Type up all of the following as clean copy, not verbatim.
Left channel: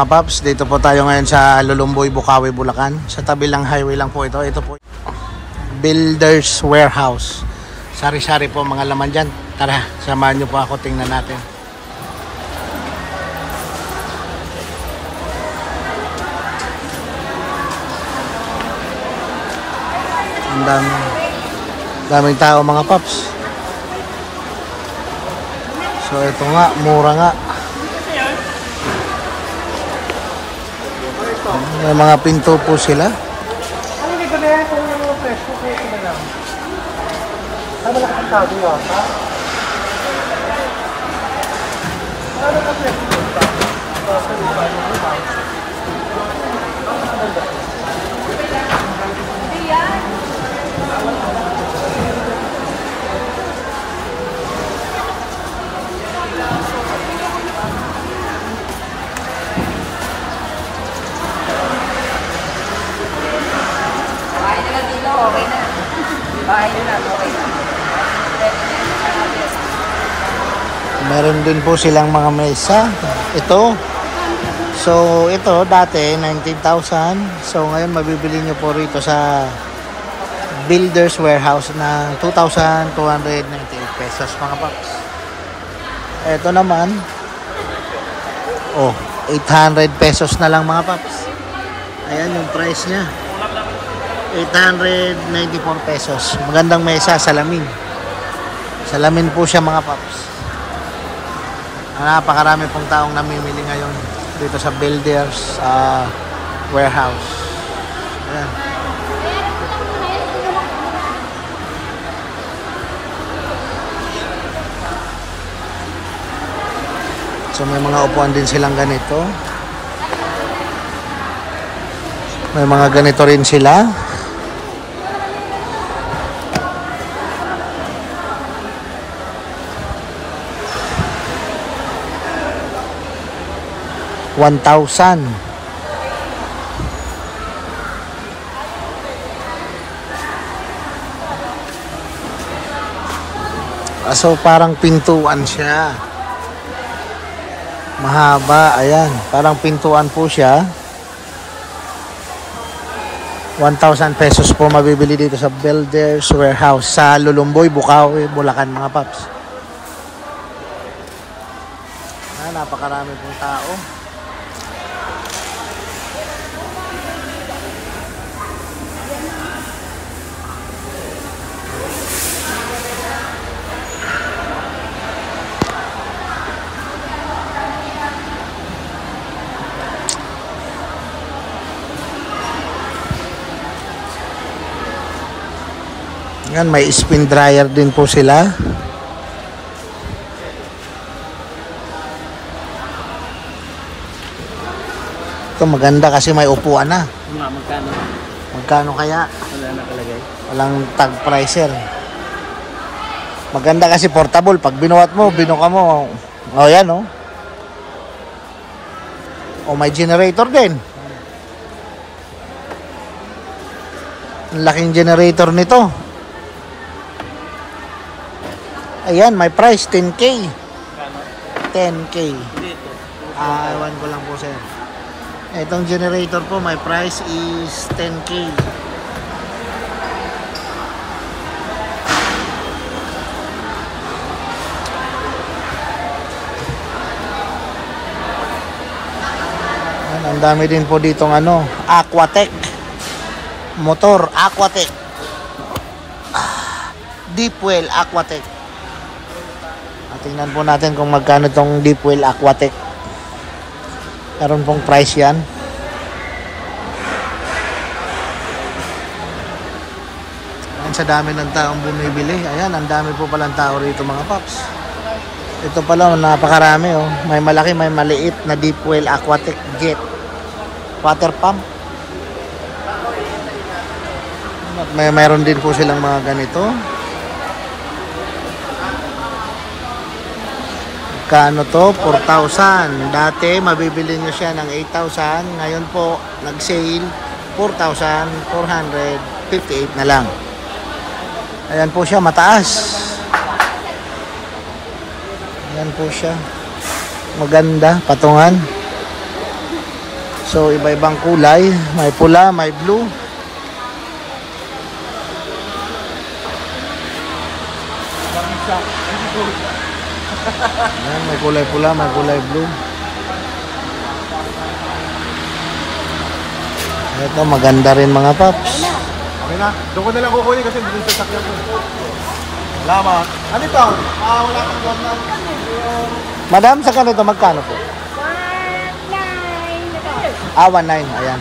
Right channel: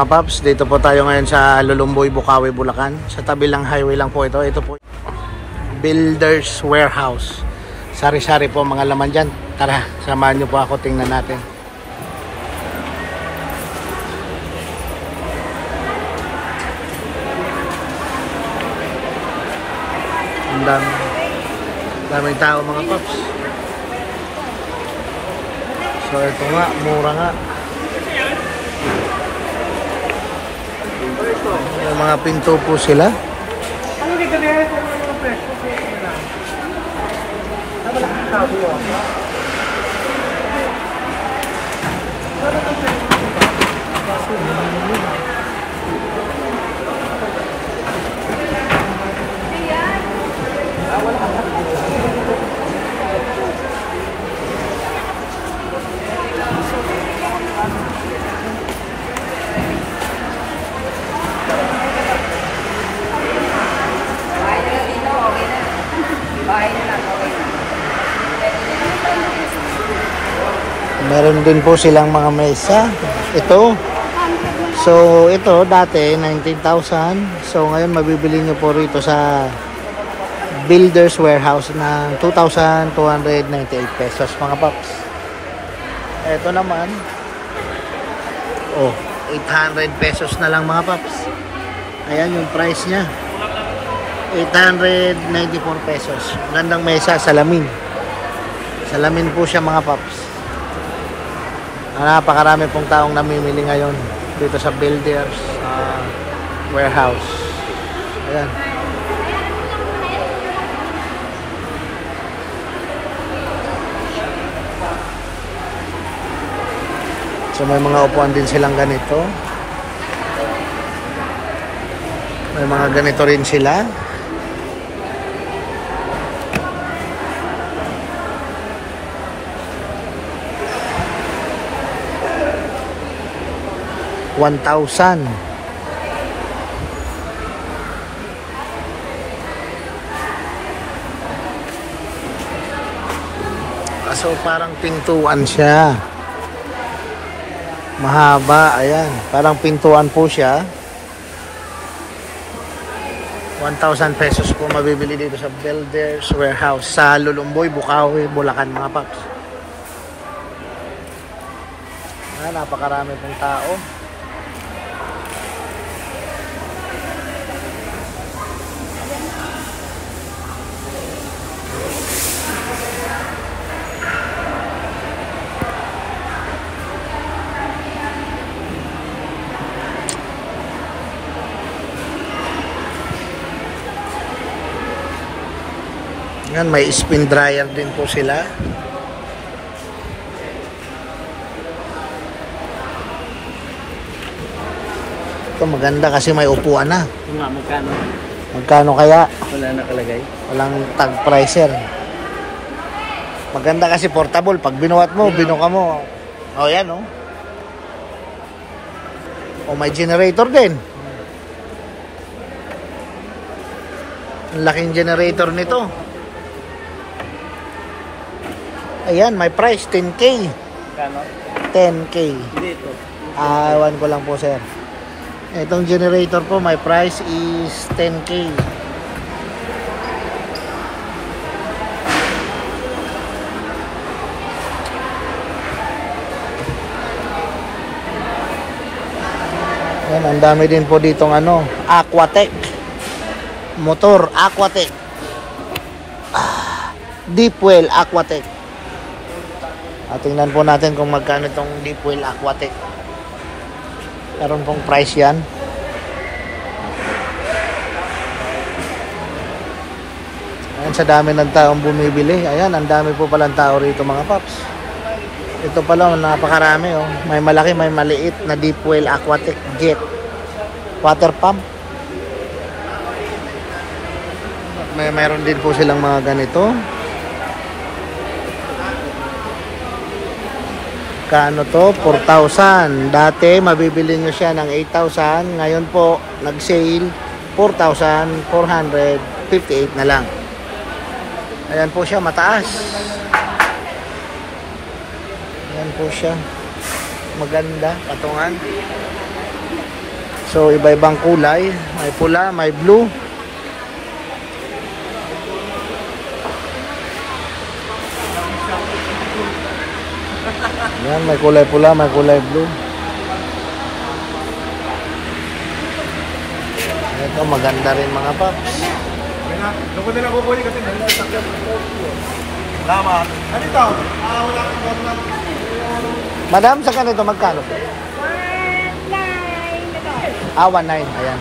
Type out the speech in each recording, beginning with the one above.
mga paps, dito po tayo ngayon sa Lulumboy, Bukawi, Bulacan. Sa tabi lang highway lang po ito. Ito po Builders Warehouse. Sari-sari po mga laman dyan. Tara, samahan nyo po ako, tingnan natin. Ang daming tao mga paps. So ito nga, mura nga. May mga pinto po sila. Meron din po silang mga mesa. Ito. So, ito dati 19,000. So, ngayon mabibili nyo po rito sa Builders Warehouse ng 2,298 pesos mga paps. Ito naman, 800 pesos na lang mga paps. Ayan yung price nya. 894 pesos. Magandang mesa, salamin. Salamin po siya mga paps. Napakarami pong taong namimili ngayon dito sa Builders Warehouse. Ayan. So may mga upuan din silang ganito. May mga ganito rin sila. $1,000. So parang pintuan siya. Mahaba, ayan. Parang pintuan po siya. 1,000 pesos po mabibili dito sa Builders Warehouse sa Lulumboy, Bukawi, Bulacan mga paps. Napakarami pong tao. Yan, may spin dryer din po sila. Ito maganda kasi may upuan na. Magkano? Magkano kaya? Wala nakalagay. Walang tag pricer. Maganda kasi portable. Pag binuhat mo, binuka mo. O yan o. O may generator din. Ang laking generator nito. Ayan, may price 10K. 10K. Ewan ko lang po sir. Itong generator po, my price is 10K. Ayan, ang dami din po ditong Aquatech. Motor, Aquatech. Deep Well Aquatech. Tingnan po natin kung magkano itong Deep Well Aquatech. Karoon pong price yan. Ayan, sa dami ng taong bumibili. Ayan, ang dami po palang tao rito mga paps. Ito pala, napakarami oh. May malaki, may maliit na Deep Well Aquatech Jet. Water pump. Mayroon din po silang mga ganito. Kano to? 4,000. Dati mabibili nyo siya ng 8,000. Ngayon po nag-sale 4,458 na lang. Ayan po siya, mataas. Ayan po siya. Maganda, patungan. So, iba-ibang kulay. May pula, may blue. Yan, may kulay pula, may kulay blue. Ito, maganda rin mga paps. Doon ko nila kukunin kasi dali sa sakyan. Salamat. Ano ito? Wala kang gam. Madam, sa kanito magkano po? 19. Ayan.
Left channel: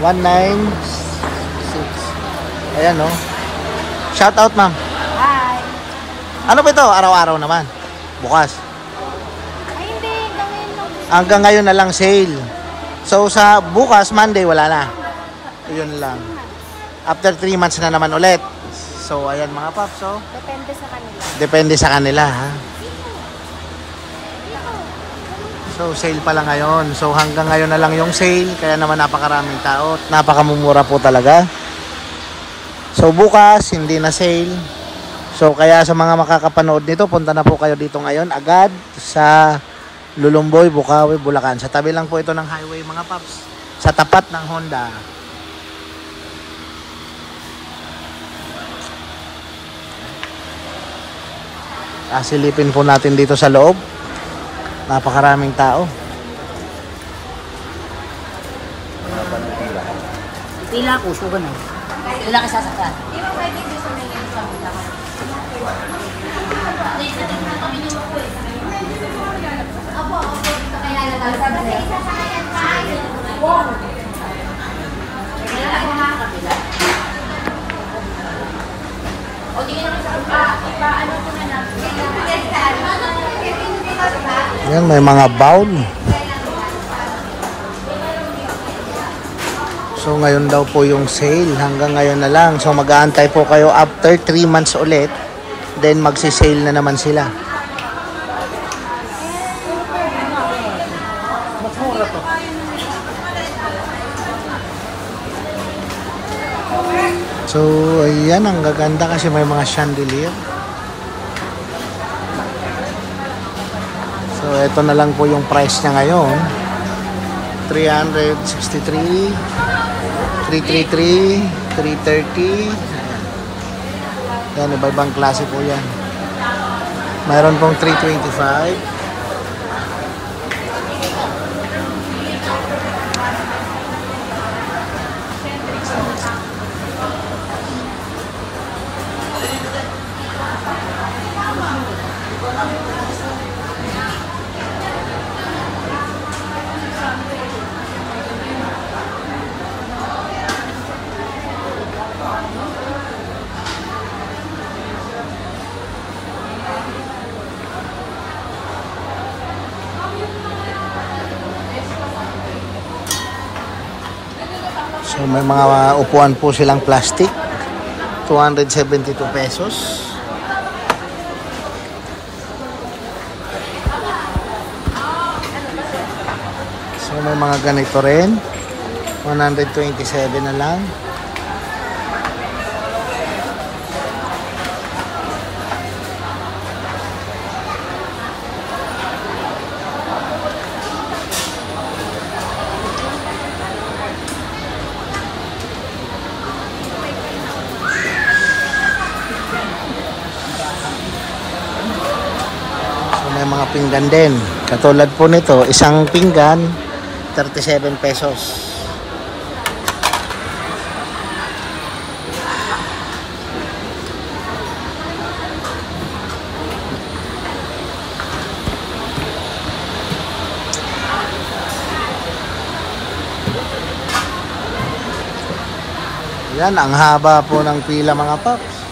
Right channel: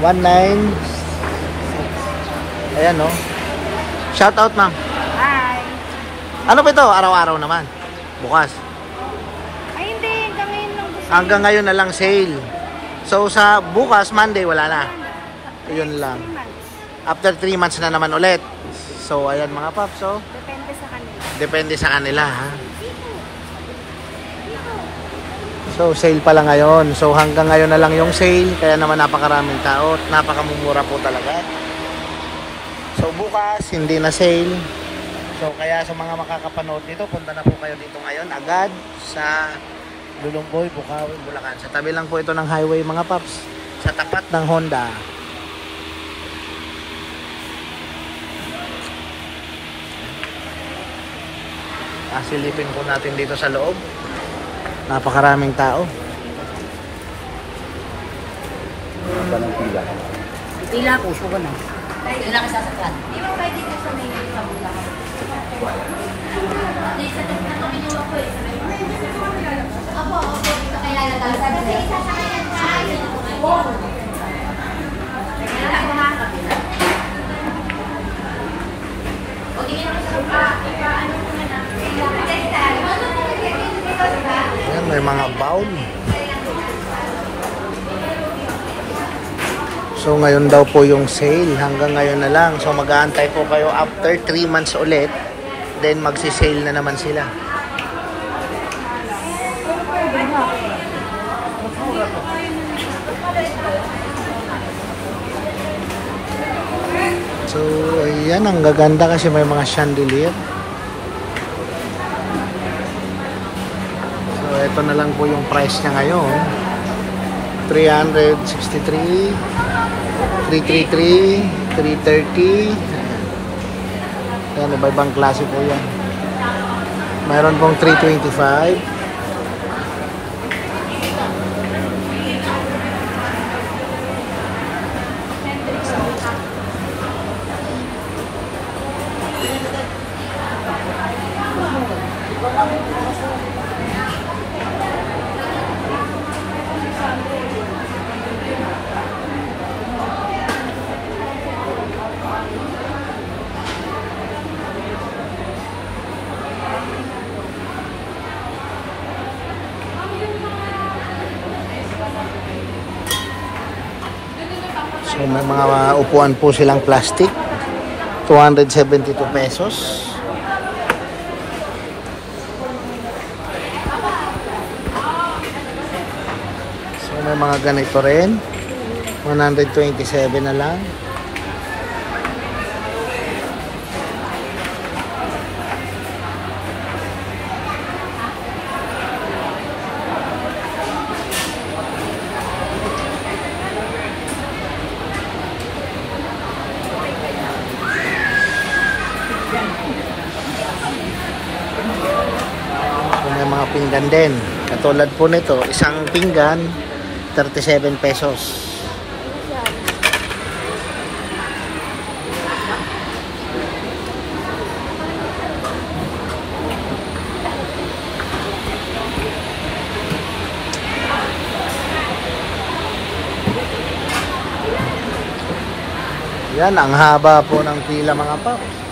196. Ayan, no? Shout out, ma'am. Hi. Ano ba ito? Araw-araw naman. Bukas. Ay, hindi. Hanggang ngayon lang. Hanggang ngayon na lang sale. So, sa bukas, Monday, wala na. Yun lang. After 3 months na naman ulit. So, ayan mga paps, so. Depende sa kanila. Depende sa kanila, ha. So, sale pala ngayon. So, hanggang ngayon na lang yung sale. Kaya naman napakaraming tao. Napakamumura po talaga. So, bukas, hindi na sale. So, kaya sa mga makakapanood nito, punta na po kayo dito ngayon agad sa Lulumboy, Bukawi, Bulacan. Sa tabi lang po ito ng highway mga paps. Sa tapat ng Honda. Silipin po natin dito sa loob. Napakaraming tao. Pila ko, sugar mo. Pila ka sasakyan. Yan, may mga bowl. So, ngayon daw po yung sale. Hanggang ngayon na lang. So, mag-aantay po kayo after 3 months ulit. Then, magsi-sale na naman sila. So, ayan. Ang gaganda kasi may mga chandelier. So, ito na lang po yung price niya ngayon. 363, 333, 330. Ayan, iba-ibang klase po yan. Mayroon pong 325. So, may mga upuan po silang plastic. 272 pesos. So, may mga ganito rin. 127 na lang. May mga pinggan din. Katulad po nito, isang pinggan, 37 pesos. Yan, ang haba po ng pila mga paps.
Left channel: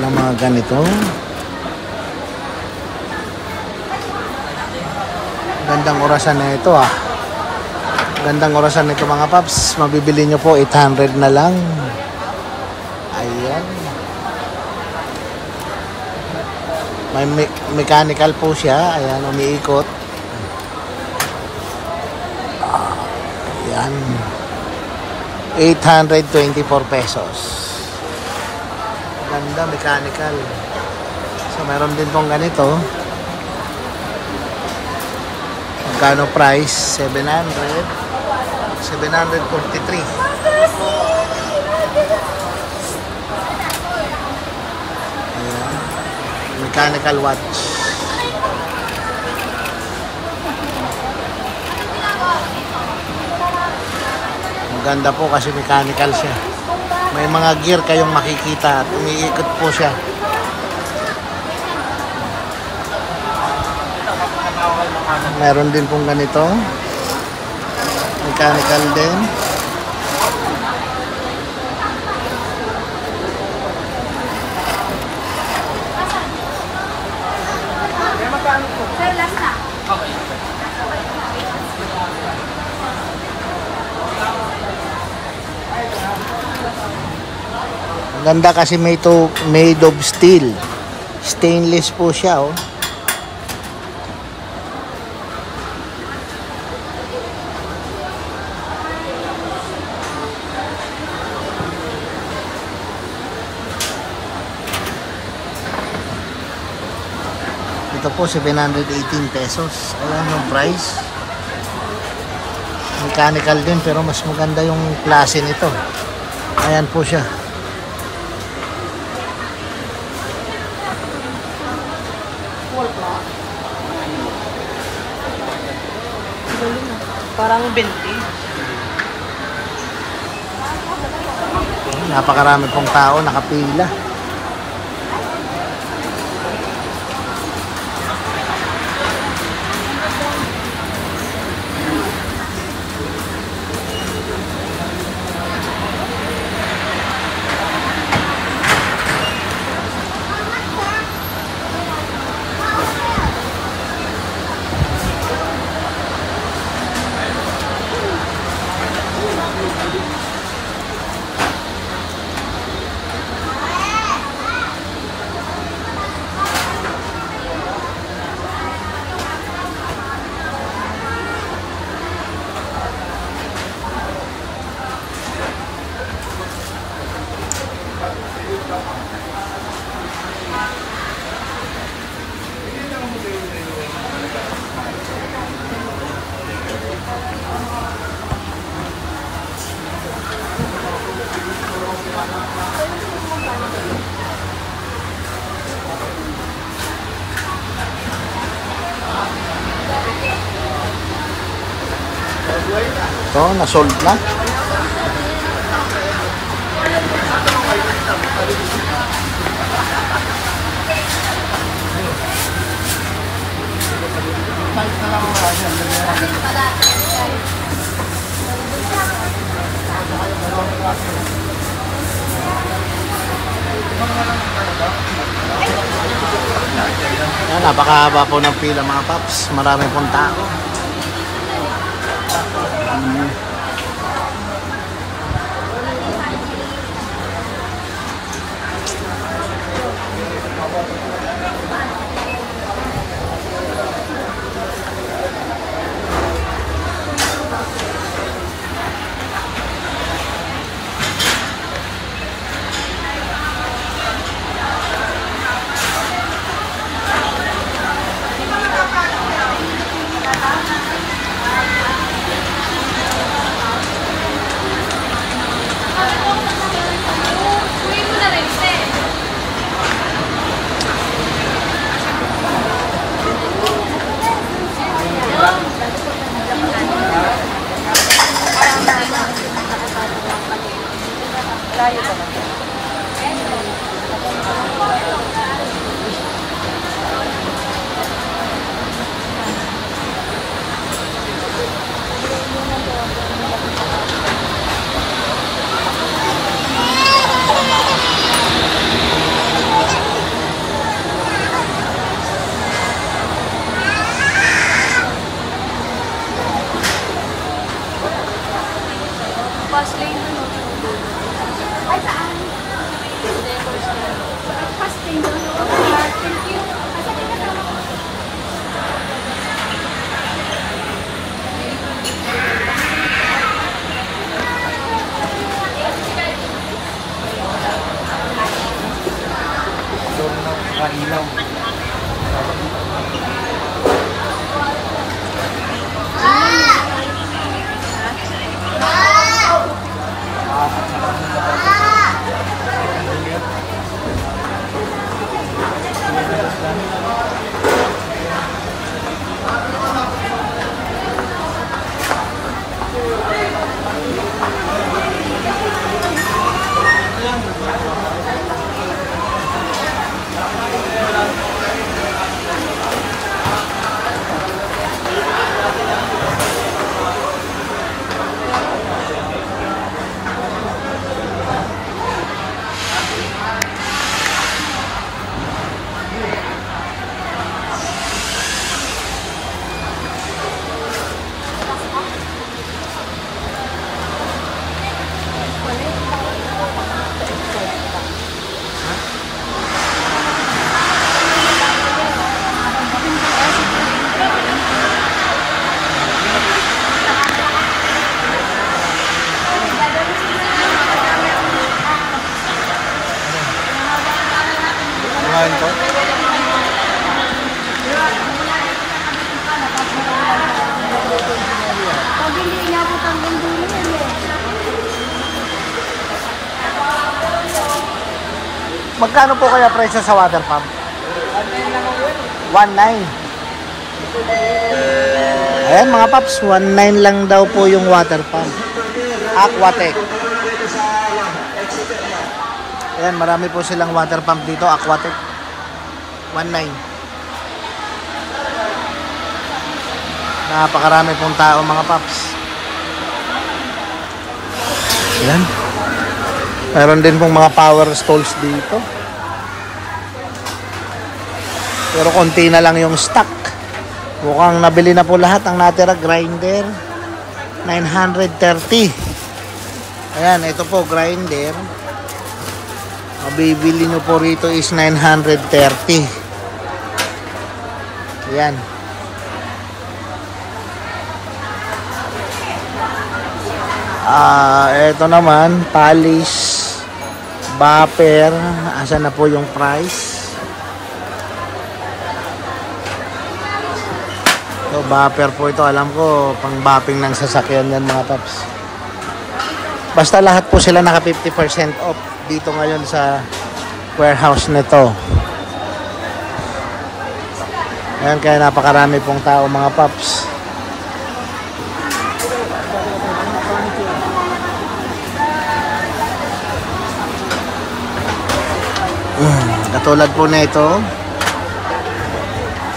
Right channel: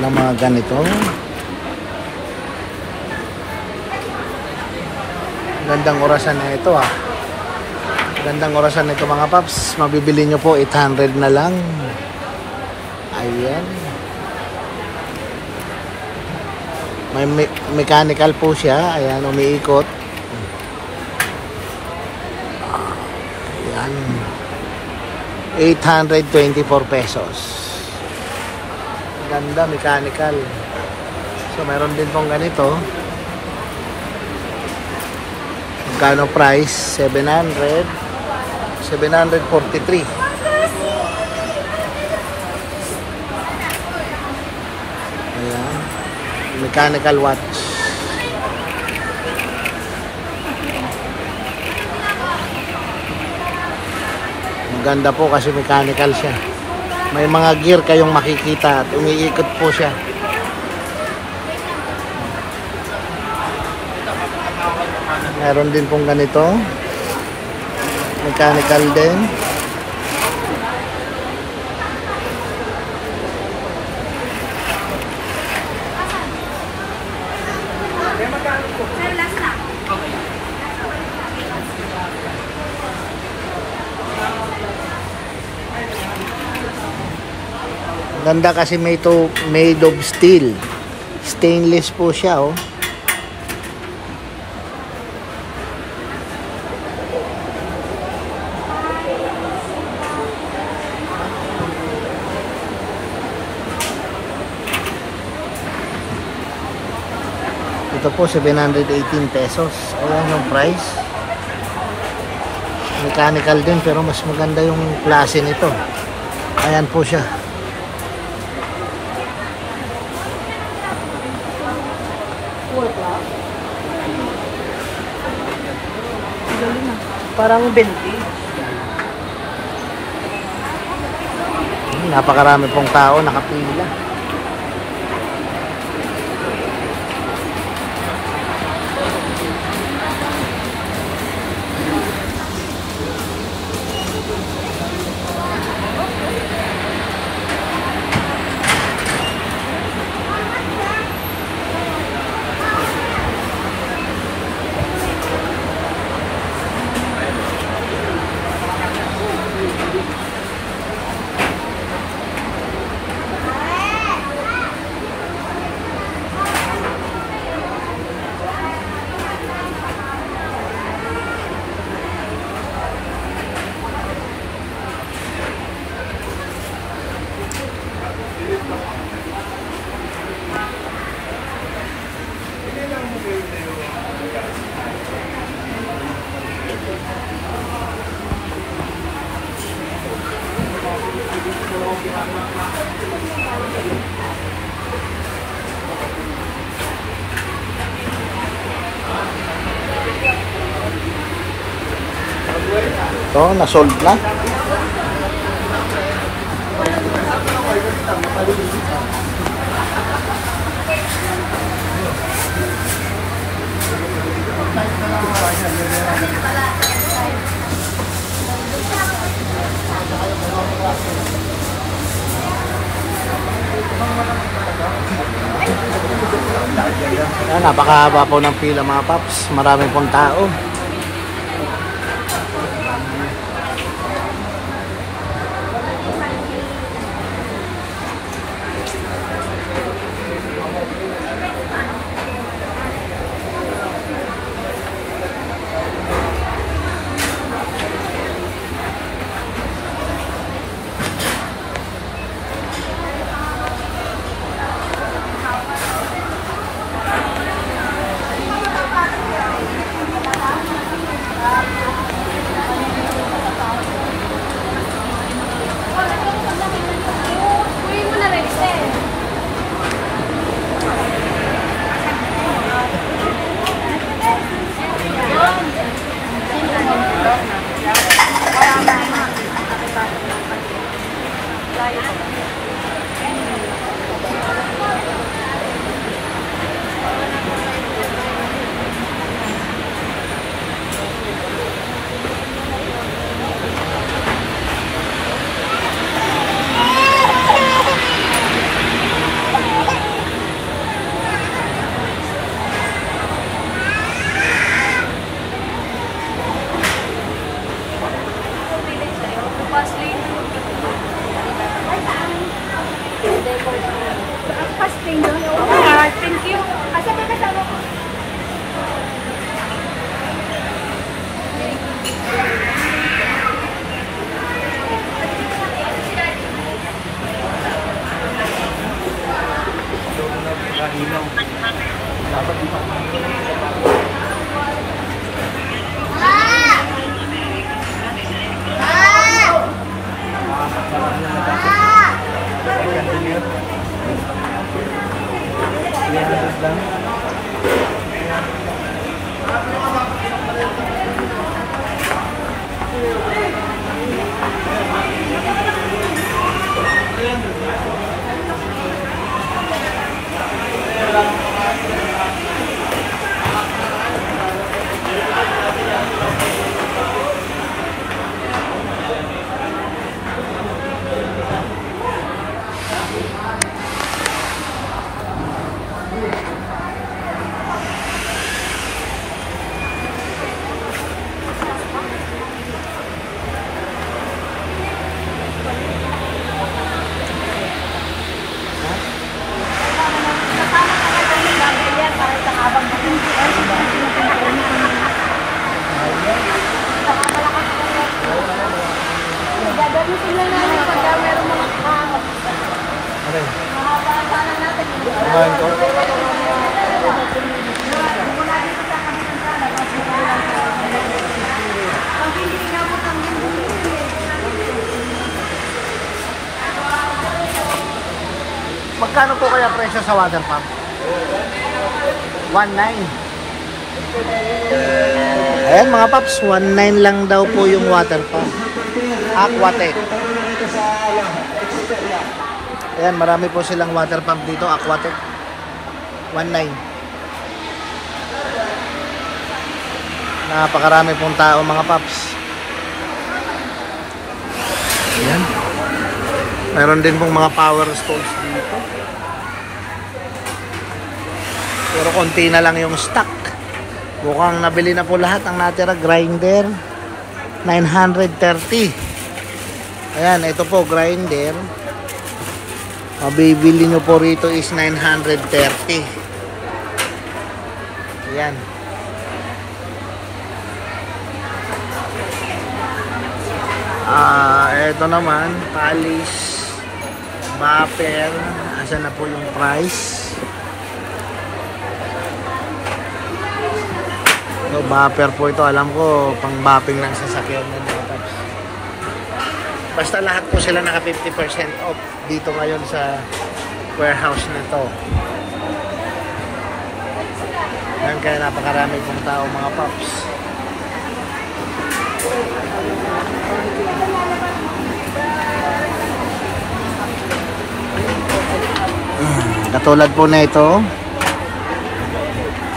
siya ng mga ganito. Gandang orasan na ito ah. Gandang orasan nito mga paps. Mabibili nyo po 800 na lang. Ayan. May mechanical po siya. Ayan, umiikot. Ayan. 824 pesos. Ganda, mechanical. So, meron din pong ganito. Magkano price? 743. Ayan. Mechanical watch. Maganda po kasi mechanical siya. May mga gear kayong makikita at umiikot po siya. Meron din pong ganito. Mechanical din. Ganda kasi made of steel. Stainless po siya oh. Ito po 718 pesos. Ayan yung price. Mechanical din pero mas maganda yung klase nito. Ayan po siya. Parang 20. Napakarami pong tao nakapila. Ito, na-sold na. Yan, napakahaba po ng pila mga paps. Marami pong tao. Fast lane. Ay, saan? Fast lane. Thank you. Kasi may kasama ko. Kumain ko. Magkano po kaya presyo sa water pump? 1.9. Ayan mga paps, 1.9 lang daw po yung water pump. Aquatech. Ayan, marami po silang water pump dito, Aquatech. 1.9. Napakarami pong tao mga paps. Ayan. Meron din pong mga power stalls dito. Pero konti na lang yung stock. Mukhang nabili na po lahat. Ang natira grinder 930. Ayan, ito po grinder. Mabibili nyo po rito is 930. Ayan. Ito naman polish bumper. Asan na po yung price? So, bumper po ito. Alam ko, pang bopping ng sasakyan yan mga paps. Basta lahat po sila naka 50% off dito ngayon sa warehouse nito. Ayan, kaya napakarami pong tao mga paps. Katulad po na ito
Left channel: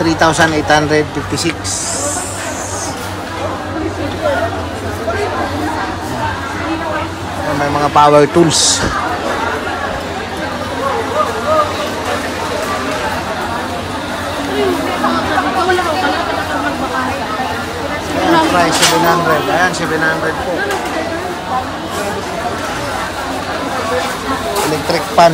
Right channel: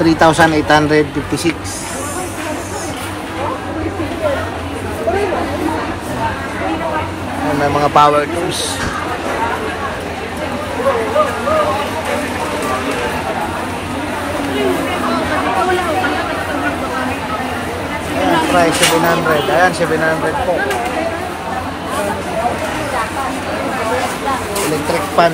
3,856. May mga power tools. Ayan, price 700. Ayan, 700 po. Electric pan.